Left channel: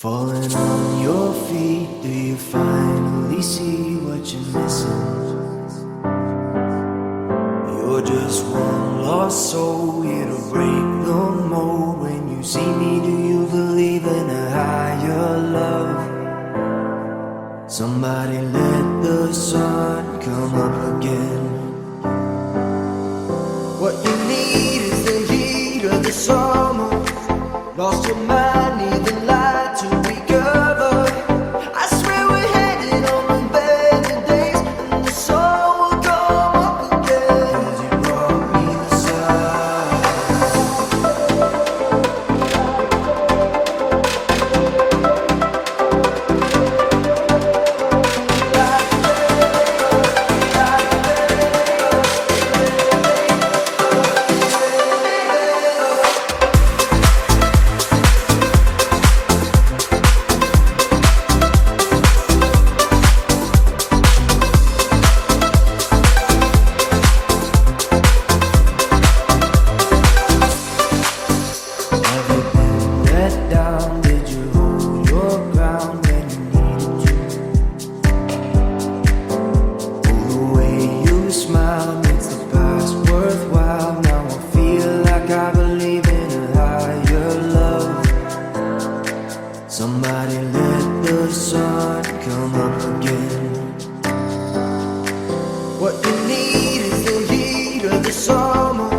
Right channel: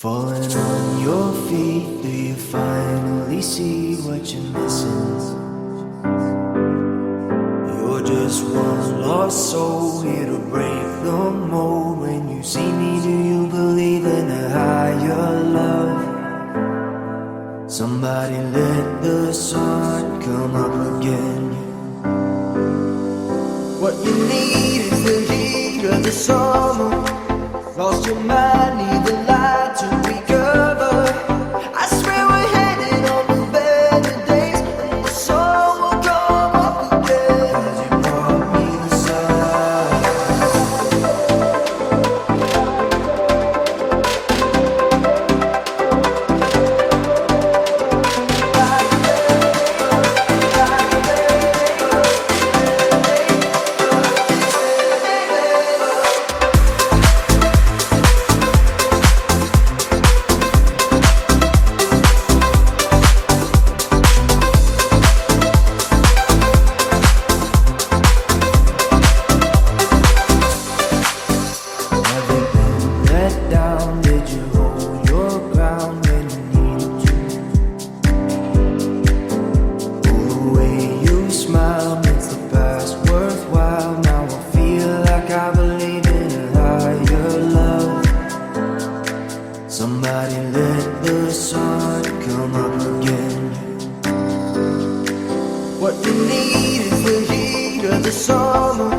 Falling on your feet, do you finally see what you're missing? You're just one lost soul here to break the mold. When you see me, do you believe in a higher love? Somebody let the sun come up again. What you need is the heat of the summer. Lost your mind, need the light to recover. I swear we're headed on the better days, and the sun will come up again. 'Cause you brought me the sun. Have you been let down? Did you hold your ground when you needed to? Oh, the way you smile makes the past worthwhile. Now I feel like I believe in a higher love. Somebody let the sun come up again. What you need is the heat of the summer.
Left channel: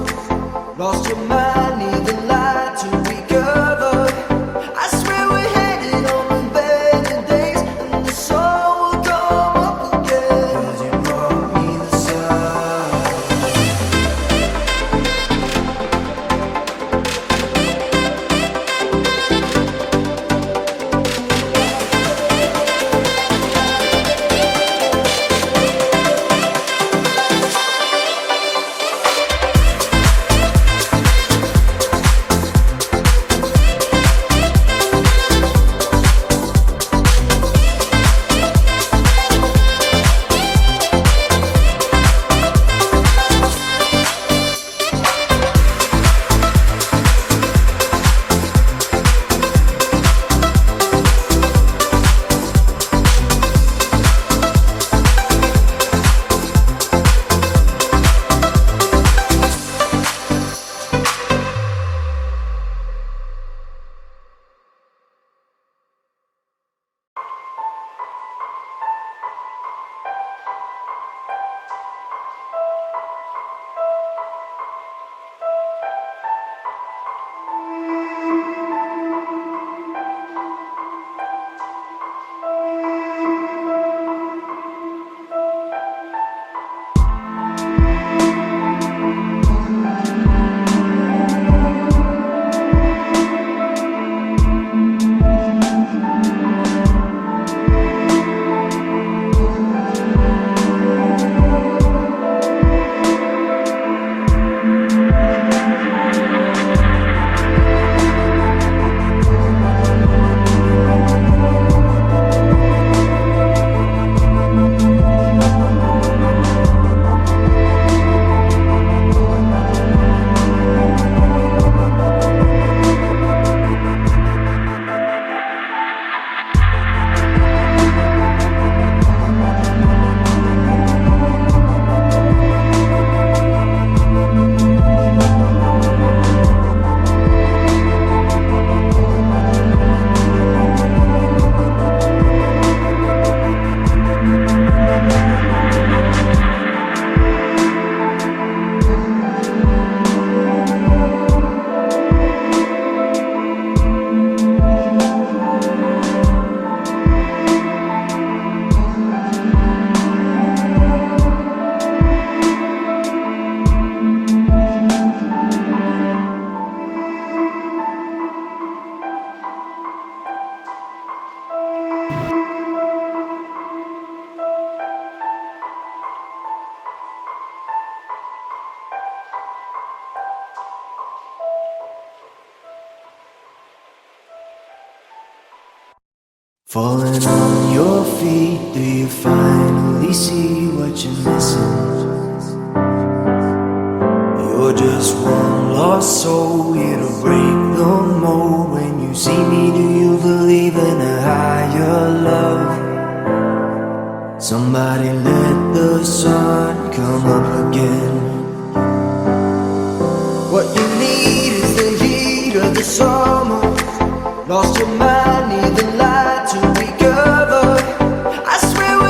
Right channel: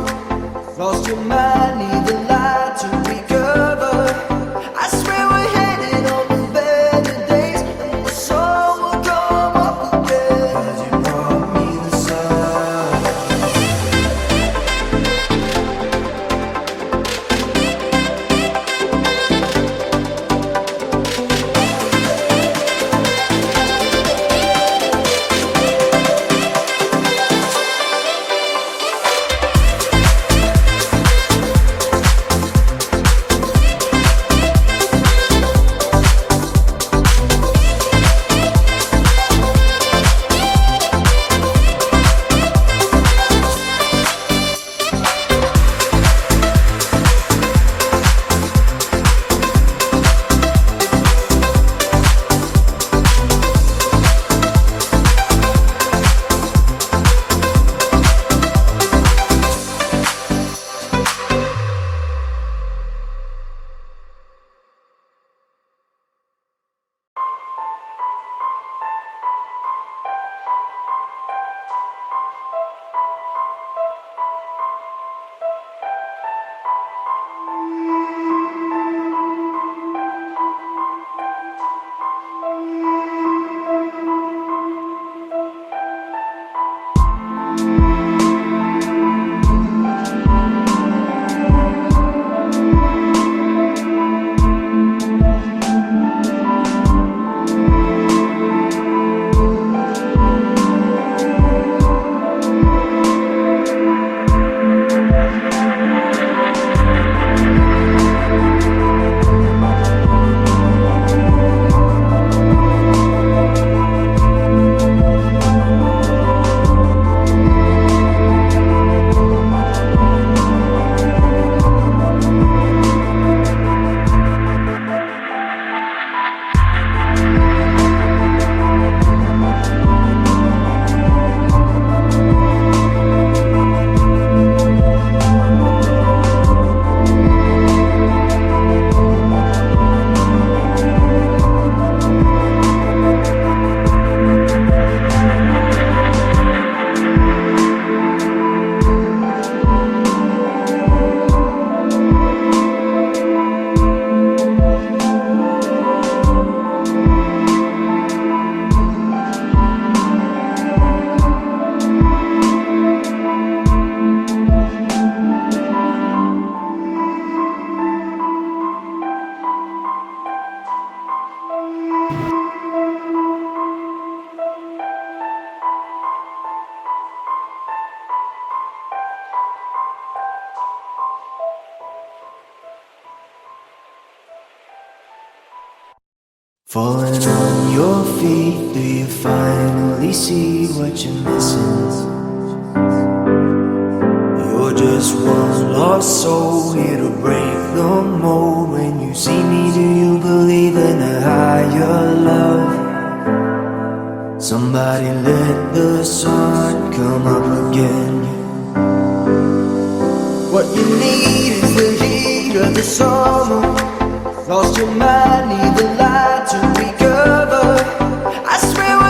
Lost your mind, need the light to recover. I swear we're headed on the better days, and the sun will come up again. 'Cause you brought me the sun. Falling on your feet, do you finally see what you're missing? You're You're just one lost soul here to break the mold. When you see me, do you believe in a higher love? Somebody let the sun come up again. What you need is the heat of the summer. Lost your mind, need the light to recover. I swear